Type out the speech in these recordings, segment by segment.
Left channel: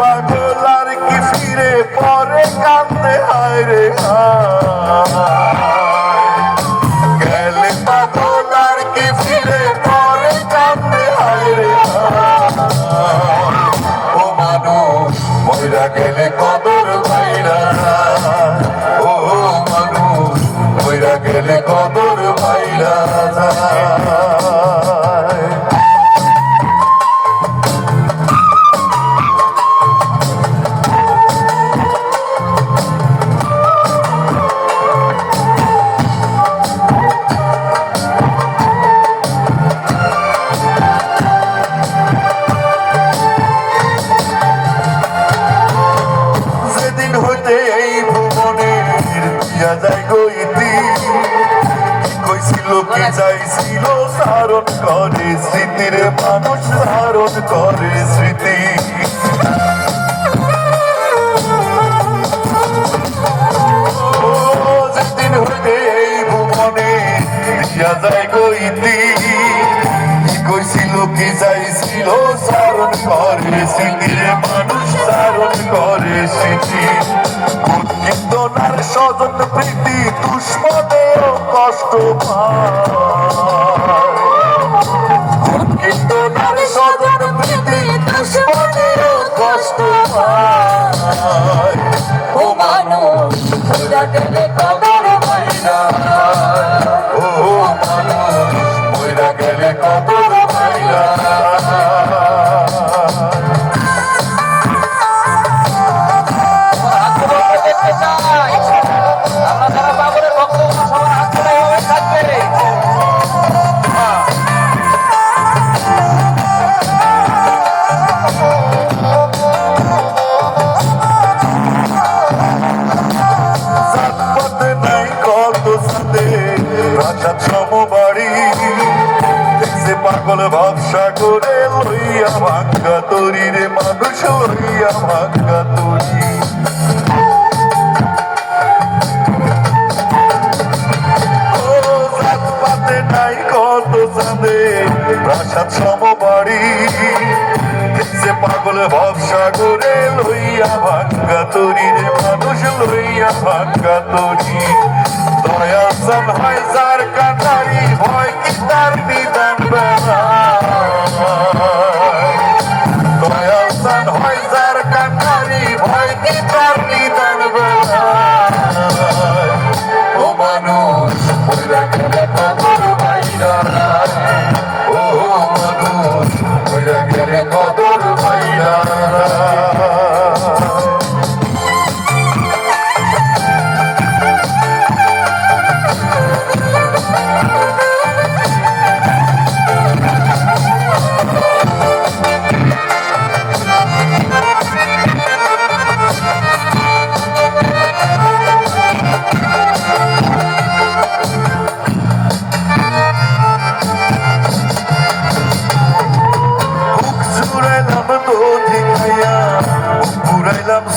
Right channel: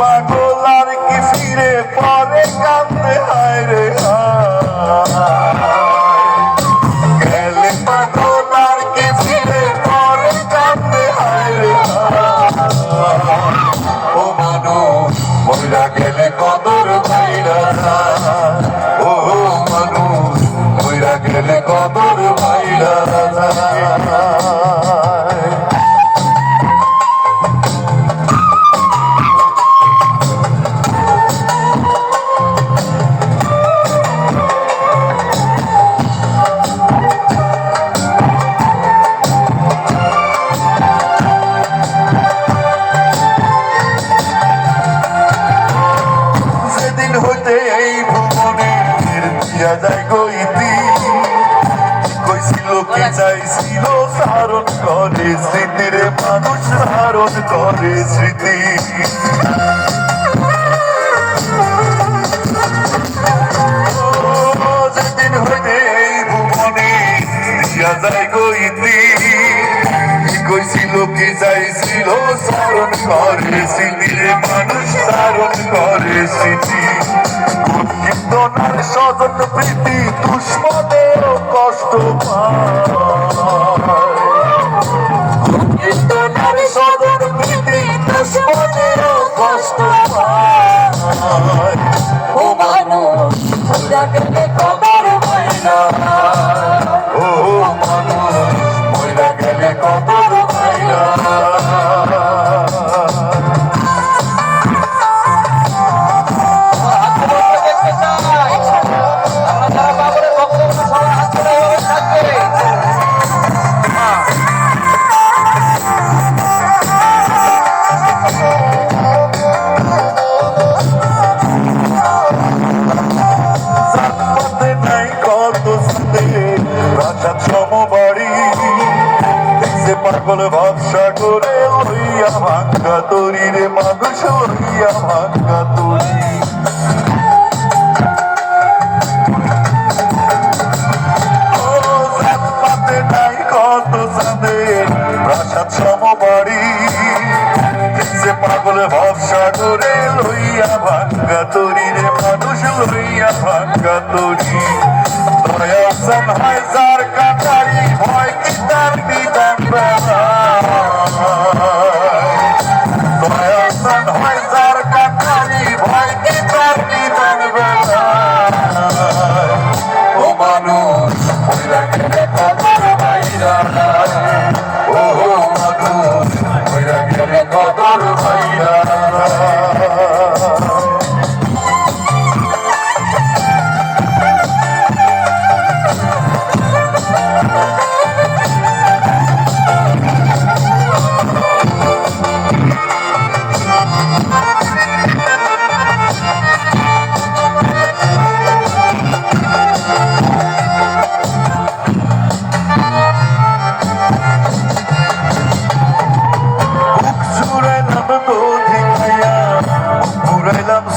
পাগল আর কি ফিরে পরে কান্দে হায় রে গেলে পাগল আর কি ফিরে পরে কান্দে হায় রে ও মানুষ মইরা গেলে কদর ভাইরা ও মানুষ মইরা গেলে কদর ভাইরা হইতে এই ভুবনের দিয়া যায় গইতি কইছিল কি চাইছিল সারণ করে স্মৃতির মানুষ সারণ করে স্মৃতি যেদিন হইতে এই ভুবনে দিয়া যায় গইতি কইছিল কি চাইছিল সারণ করে স্মৃতির মানুষ সারণ করে স্মৃতি কিন্তু নার স্বজন প্রীতি দুশ্মনেও কষ্ট পায় কিন্তু নার স্বজন প্রীতি দুশ্মনেও কষ্ট পায় ও মানুষ মইরা গেলে কদর ভাইরা ও মানুষ মইরা গেলে কদর ভাইরা পাগল ব্যবসা করে লইয়া ভাঙ্গা তরি রে মানুষ লইয়া ভাঙ্গা তরি পাতে নাই কত সাদে প্রাসাদ সমবাড়ি সে পাগল ব্যবসা করে লইয়া ভাঙ্গা তরি রে মানুষ লইয়া ভাঙ্গা তরি দয়া সমহায় যার কাটারি ভয় কি তার বিধান দয়া সমহায় যার কাটারি ভয় কি তার বিধান ও মানুষ মইরা গেলে কদর ভাইরা ও মানুষ মইরা গেলে কদর ভাইরা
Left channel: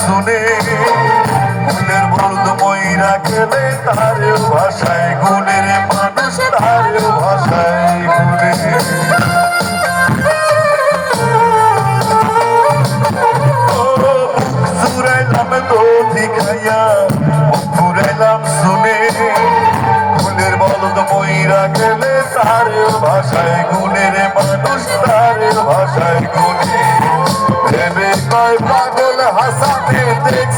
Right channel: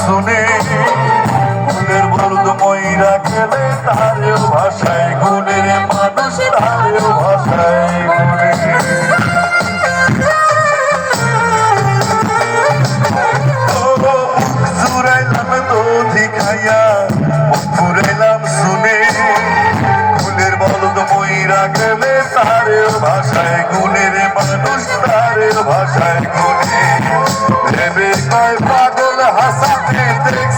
শুনে গুণের বলদ মইরা গেলে তার ভাষায় গুণের মানুষ তার ভাষায় গুণে জুড়াইলাম দধি খাইয়া ঘুরাইলাম শুনে গুণের বলদ মইরা গেলে তার ভাষায় গুণের মানুষ তার ভাষায় গুণে প্রেমের কয় পাগল হাসাতে দেখ